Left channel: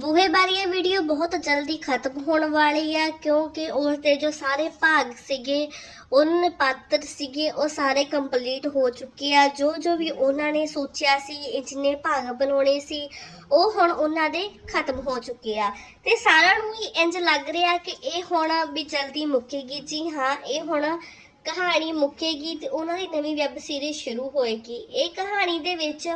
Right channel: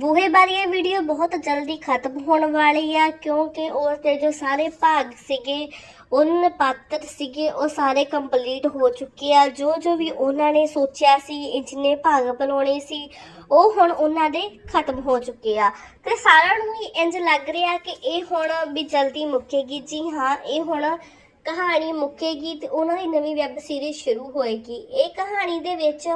ਬੂਹੇ ਬਾਰੇ ਇਹ ਵੀਡੀਓ ਬਹੁਤ ਜਲਦੀ ਖਤਮ ਹੋਣ ਵਾਲੀ ਆ, ਕਿਉਂਕਿ ਉਸ ਦੇ ਜੋ ਸਾਰੇ ਭਾਗ ਸੀਗੇ ਉਹਨਾਂ ਪਾਤਰ ਸੀਗੇ, ਉਹ ਸਾਰੇ ਕੰਪਲੀਟ ਹੋ ਚੁੱਕੇ ਆ। ਜੋ ਜੋ ਵੀ ਉਹਨਾਂ ਨੇ ਸੋਚਿਆ ਸੀ ਜਿੰਨੇ ਭਾਗ ਬਣਾਉਣੇ ਸੀ, ਉਹ ਹੁਣ ਉਹਨਾਂ ਦੇ ਖਤਮ ਹੋ ਚੁੱਕੇ ਆ। ਤੇ ਸਾਰਿਆਂ ਨੂੰ ਹੀ ਇੰਜ ਲੱਗ ਰਿਹਾ ਕਿ ਇਹ ਹੁਣ ਵੀ ਜਲਦੀ ਮੁੱਕੇਗੀ। ਜੀ ਹਾਂ, ਇਹ ਹੁਣ ਕਹਾਣੀ ਮੁੱਕੇਗੀ ਤੇ ਉਹਨਾਂ ਦੀ ਨਵੀਂ ਵੈਬ ਸੀਰੀਜ਼ ਸ਼ੁਰੂ ਹੋਏਗੀ। ਇਹ ਕਹਾਣੀ ਦੇ ਵਿੱਚ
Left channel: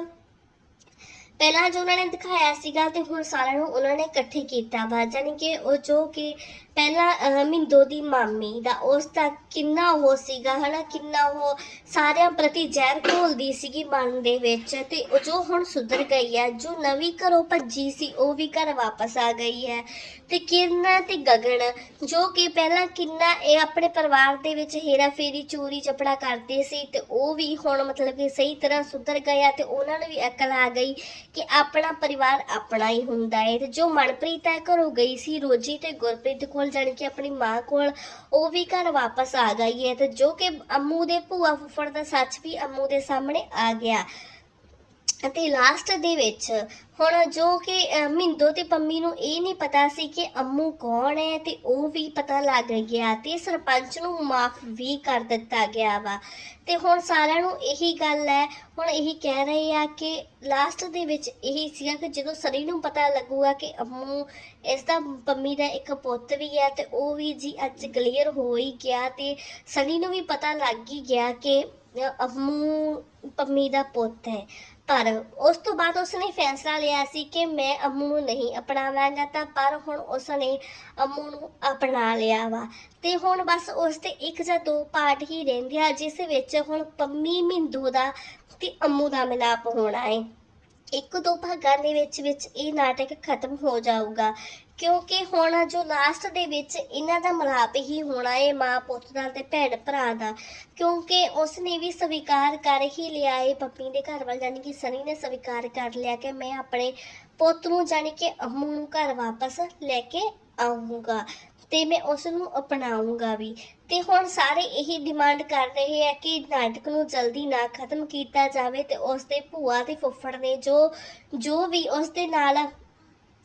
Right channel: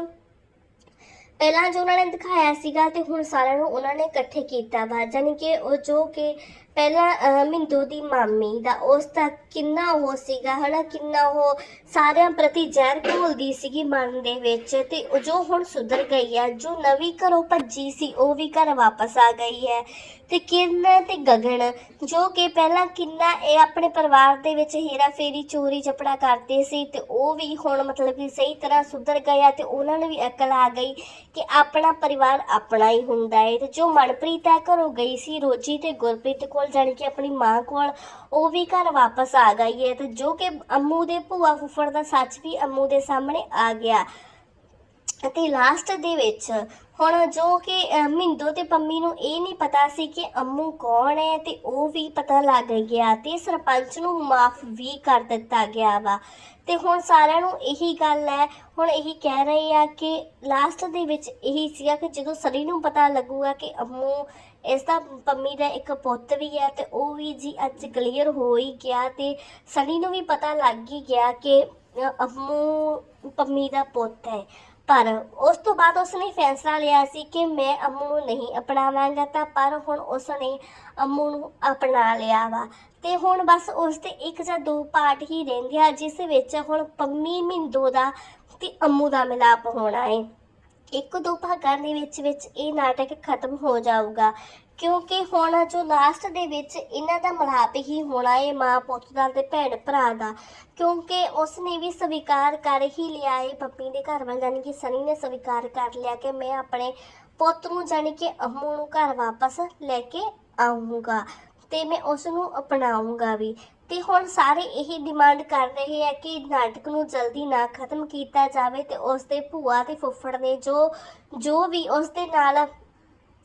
ਪਹਿਲਾਂ ਜੋ ਉਹਨਾਂ ਨੇ ਦਿਖਾਇਆ ਸੀਗਾ ਤੇ ਹੁਣ ਸਾਰਿਆਂ ਨੂੰ ਉਹਨਾਂ ਨੇ ਇਕੱਠੇ ਕੀਤਾ ਵਾ, ਜਾਣੀ ਕਿ ਉਹ ਜੋ ਕਿ ਪਹਿਲਾਂ ਮਿੰਦੂ ਦੀ ਮਾਮੀ ਦਾ ਉਸ ਦਾ ਕਿੰਨਾ ਉਹ ਸੀਗਾ, ਹਨਾ, ਕਿੰਨਾ ਉਹ ਸਾਰਿਆਂ ਪ੍ਰਤੀ ਜ਼ਹਿਰ ਘੋਲਦੀ ਸੀਗੀ ਮਨ ਦੇ ਵਿੱਚ ਤੇ ਉਹ ਜੋ ਹੁਣ ਸੁਧਰ ਗਈ ਹੈ, ਜੋ ਨਵੀਂ ਘਰੋਂ ਭੱਜੀ ਸੀ, ਉਹ ਵੀ ਘਰ ਵਾਪਸ ਆ ਗਈ ਹੈ। ਤੇ ਕਿਰਨ ਤੇ ਗਗਨ, ਜੋ ਕਿ ਪਹਿਲਾਂ ਕਿੰਨਾ ਇਹ ਆਪਣੇ ਪਰਿਵਾਰ ਦੇ ਵਿੱਚ ਹੇਰਾ ਫੇਰੀ, ਚੋਰੀ ਚਪੜਾ ਕਰਦੇ ਸੀ ਤੇ ਉਹ ਵੀ ਹੁਣ ਮਤਲਬ ਕਿ ਸਹੀ ਤਰ੍ਹਾਂ ਸੁਧਰ ਗਿਆ ਤੇ ਉਹਨਾਂ ਨੂੰ ਵੀ ਅਕਲ ਆ ਗਈ ਕਿ ਆਪਣਾ ਪਰਿਵਾਰ ਆਪਣਾ ਹੀ ਹੁੰਦਾ ਹੈ ਤੇ ਜੋ ਮਨਪ੍ਰੀਤ ਹੈ ਘਰੋਂ ਗਈ ਸੀ ਰੋਜੀ ਤੇ ਗੁਰਪ੍ਰੀਤ ਕੋਲ, ਜਾਣ ਕੇ ਆਪਣੀ ਮਾਂ ਕੋਲ, ਉਹ ਵੀ ਘਰ ਵਾਪਸ ਆ ਗਈ ਹੈ ਤੇ ਜੋ ਕਿ ਅੰਮੂ ਦੇ ਭੂਆ ਫੁੱਫੜ ਦਾ ਸੱਚ ਵੀ ਅੰਮੂ ਦੇ ਸਾਹਮਣੇ ਆ ਗਿਆ। ਅਤੇ ਲਾਸਟ ਦੇ ਵਿੱਚ ਹੁਣ ਜੋ ਕਿ ਅਹ, ਮਿੰਦੋ ਤੇ ਪੰਮੀ ਨੂੰ ਇਹ ਨਹੀਂ ਪਤਾ ਸੀ ਕਿ ਅੰਮੂ ਕੌਣ ਹੈ ਤੇ ਉਹ ਵੀ ਪਤਾ ਲੱਗ ਗਿਆ ਤੇ ਸਰਪੰਚ ਨੂੰ ਮਾਫ ਵੀ ਕਰ ਦਿੱਤਾ ਗਿਆ ਵਾ। ਤੇ ਹੁਣ ਸਾਰਿਆਂ ਨੂੰ ਇਹੀ ਗੱਲ ਹੈ ਹੁਣ ਇਹੀ ਕਹਿ ਰਹੇ ਆ ਕਿ ਲਾਸਟ ਦੇ ਵਿੱਚ ਇਹੀ ਸੀਗਾ ਕਿ ਜਦੋਂ ਸਰੀ ਨੂੰ ਪਤਾ ਲੱਗੂਗਾ ਕਿ ਅੰਮੂ ਇਸ ਦਾ ਪੰਮੀ ਦਾ ਇੱਕ ਪੁੱਤ ਵੀ ਹੈ ਤੇ ਉਹ ਵੀ ਜੀ ਅੱਜ ਕਲੀਅਰ ਹੋ ਹੀ ਗਿਆ ਤੇ ਸਨੀ ਨੂੰ ਵੀ ਪਤਾ ਲੱਗ ਹੀ ਗਿਆ ਕਿ ਅੰਮੂ ਪੰਮੀ ਦਾ ਪੁੱਤ ਹੈ। ਪਰ ਉਸ ਤੋਂ ਬਾਅਦ ਉਸਨੇ ਫੈਸਲਾ ਲਿਆ ਸੀ ਕਿ ਮੈਂ ਅੰਮੂ ਨੂੰ ਨਹੀਂ ਅਪਣਾਵਾਂਗਾ ਤਾਂ ਪਰ ਹੁਣ ਉਸਨੇ ਅੰਮੂ ਨੂੰ ਅਪਣਾ ਲਿਆ ਵਾ। ਤੇ ਹੁਣ ਬਸ ਉਸ ਦੇ ਇੱਕ ਜਾਂ ਦੋ ਪਾਰਟ ਹੀ ਰਹਿੰਦੇ ਆ, ਜਿਸ ਵਿੱਚ ਹੁਣ ਪੰਮੀ ਮਿੰਦੋ ਦਾ ਤੇ ਅੰਮੂ ਦਾ ਮਿਲਾਪ ਹੋਣਾ ਹੈ ਇੱਕ ਦੋ ਭਾਗਾਂ ਦੇ ਵਿੱਚ ਵਿੱਚ ਇਹ ਨਾਟਕ ਖਤਮ ਹੋ ਜਾਊਗਾ। ਕਿਉਂਕਿ ਹੁਣ ਜੋ ਲਾਸਟ ਦੇ ਵਿੱਚ ਇਹਨਾਂ ਦਾ ਮਲਾਪ ਹੀ ਹੋਣਾ ਹੈ ਮਾਂ ਪੁੱਤ ਦਾ ਤੇ ਭੈਣ ਭਰਾ ਦਾ। ਕਿਉਂਕਿ ਉਸ ਨੇ ਵੀ ਸਵੀਕਾਰ ਕਰ ਹੀ ਲਿਆ ਹੈ ਪੱਪੀ ਦੇ ਘਰ ਵੱਲ ਜਾਨੀ ਕਿ ਸਨੀ ਨੇ ਸਵੀਕਾਰ ਕਰ ਲਿਆ ਕਿ ਮੈਂ ਆਪਣੇ ਪੁੱਤ ਨੂੰ ਜਾਨੀ ਕਿ ਅਮੂ ਨੂੰ ਘਰ ਵਾਪਸ ਲੈ ਕੇ ਆਉਂਗਾ ਤੇ ਮੈਂ ਉਸ ਨੂੰ ਅਪਣਾਉਂਗਾ ਵੀ। ਤੇ ਹੁਣ ਸਾਰੇ ਇਹੀ ਡਿਮਾਂਡ ਕਰ ਰਹੇ ਹੈ ਕਿ ਨਾਟਕ ਨੂੰ ਜਲਦੀ ਨਾ ਖਤਮ ਕੀਤਾ ਜਾਵੇ ਤੇ ਉਸ ਦੇ ਭੂਆ ਤੇ ਫੁੱਫੜ ਨੇ ਜੋ ਜੋ ਵੀ ਉਸ ਦੇ ਨਾਲ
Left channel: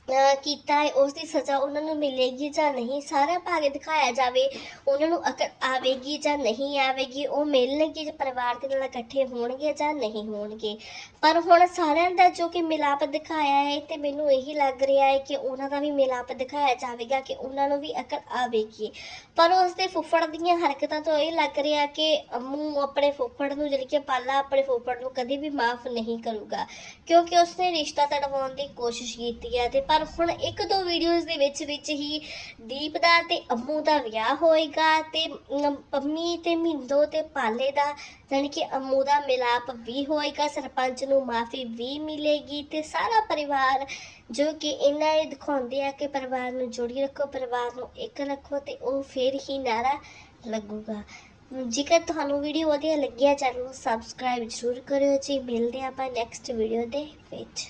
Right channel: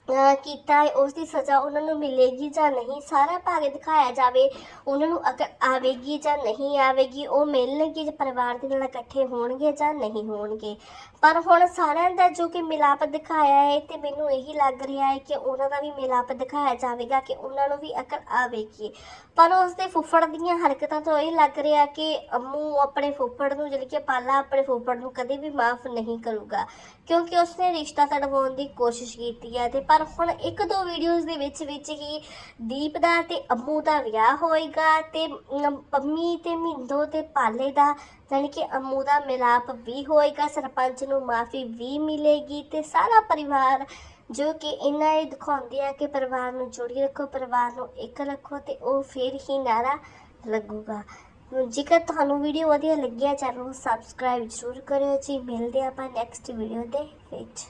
ਕੀਤਾ ਹੈ, ਉਸ ਦੀ ਸਜ਼ਾ ਉਹਨਾਂ ਨੂੰ ਮਿਲੇਗੀ ਜਾਂ ਨਹੀਂ, ਸਾਰਾ ਭਾਗ ਦਿਖਾਇਆ ਜਾਵੇ, ਉਹਨਾਂ ਨੂੰ ਅਕਲ ਆਵੇਗੀ ਜਾਂ ਨਹੀਂ ਆਵੇਗੀ, ਉਹ ਮਿਲਣਗੇ ਜਾਂ ਪਰਿਵਾਰ ਦੇ ਨਾਲ ਇਕੱਠੇ ਹੋਣਗੇ ਜਾਂ ਨਹੀਂ ਹੋਣਗੇ। ਪਰ ਹੁਣ ਸਾਰਿਆਂ ਦਾ ਜੋ ਕਿ ਮਿਲਾਪ ਦਿਖਾਇਆ ਹੈ ਤੇ ਮੈਨੂੰ ਇਹੀ ਲੱਗ ਰਿਹਾ ਹੈ ਕਿ ਉਹਨਾਂ ਦਾ ਵੀ ਮਿਲਾਪ ਦਿਖਾਇਆ ਜਾਵੇਗਾ ਕਿ ਉਹਨਾਂ ਨੂੰ ਵੀ ਅਕਲ ਆਵੇਗੀ। ਪਰ ਉਸ ਦੇ ਫੁੱਫੜ ਦੀਆਂ ਹਰਕਤਾਂ ਤੋਂ ਇਹ ਲੱਗ ਰਿਹਾ ਕਿ ਅੰਮੂ ਆਪਣੇ ਫੁੱਫੜ ਨੂੰ ਜਿਹੜੀ ਕਿ ਪਾਲਾ ਆਪਣੇ ਫੁੱਫੜ ਨੂੰ ਕਦੇ ਵੀ ਮਾਫ ਨਹੀਂ ਕਰੂਗਾ, ਕਿਉਂਕਿ ਉਸਨੇ ਰਿਸ਼ਤਾ ਤੜਵਾਉਣ ਦੀ ਕੋਸ਼ਿਸ਼ ਕੀਤੀ ਹੈ ਤੇ ਪਰ ਹੁਣ ਇੱਕ ਦੋ ਵੀਡੀਓਜ਼ ਦੇ ਵਿੱਚ ਵਿੱਚ ਹੀ ਦੀਪ ਦਾ ਤੇ ਅੰਮੂ ਦਾ ਵਿਆਹ ਹੋਏਗਾ ਤੇ ਪੰਮੀ ਤੇ ਮਿੰਦੋ ਤੇ ਪਾਲੇ ਦਾ ਜਾਣੀ ਕਿ ਅੰਮੂ ਦਾ ਮਿਲਾਪ ਵੀ ਹੋਏਗਾ, ਸਰਪੰਚ ਨੂੰ ਮਾਫੀ ਵੀ ਮਿਲੇਗੀ ਤੇ ਸਾਰਾ ਪਰਿਵਾਰ ਜੋ ਕਿ ਇਹਨਾਂ ਇਹ ਦਿਖਾਉਂਦੇ ਆ ਕਿ ਪਰਿਵਾਰ ਨੂੰ ਜੋੜੀ ਰੱਖੋ, ਪਰਿਵਾਰ ਨੂੰ ਇੱਕ ਰੱਖੋ ਤੇ ਉਹ ਫਿਰ ਹੀ ਨਾਰਾ ਲੱਗੂਗਾ। ਜੇਕਰ ਤੁਹਾਨੂੰ ਵੀਡੀਓ ਵਧੀਆ ਲੱਗਿਆ, ਚੈਨਲ ਨੂੰ ਸਬਸਕ੍ਰਾਈਬ ਜ਼ਰੂਰ ਕਰਿਓ ਜੀ। ਮਿਲਦੇ ਆਪਾਂ ਨੈਕਸਟ ਵੀਡੀਓ ਦੇ ਵਿੱਚ।